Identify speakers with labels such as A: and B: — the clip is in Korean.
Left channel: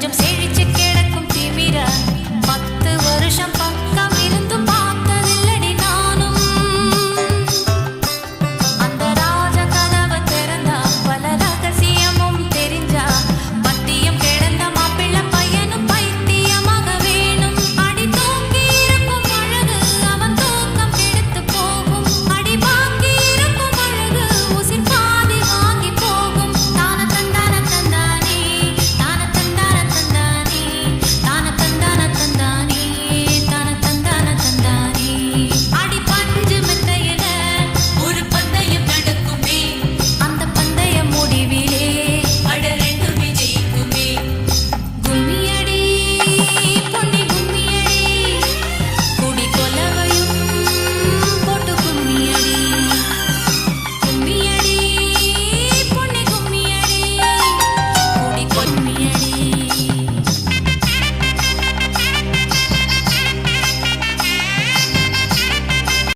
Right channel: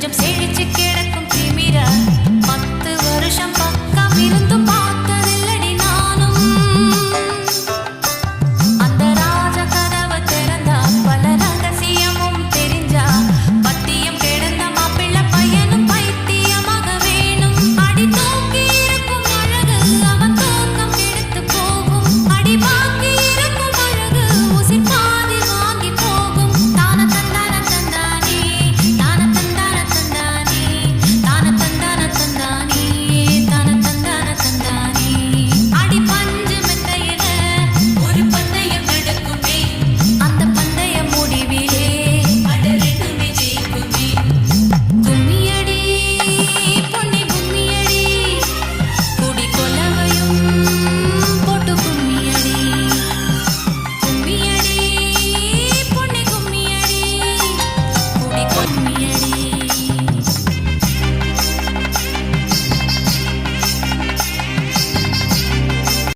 A: 좀 세.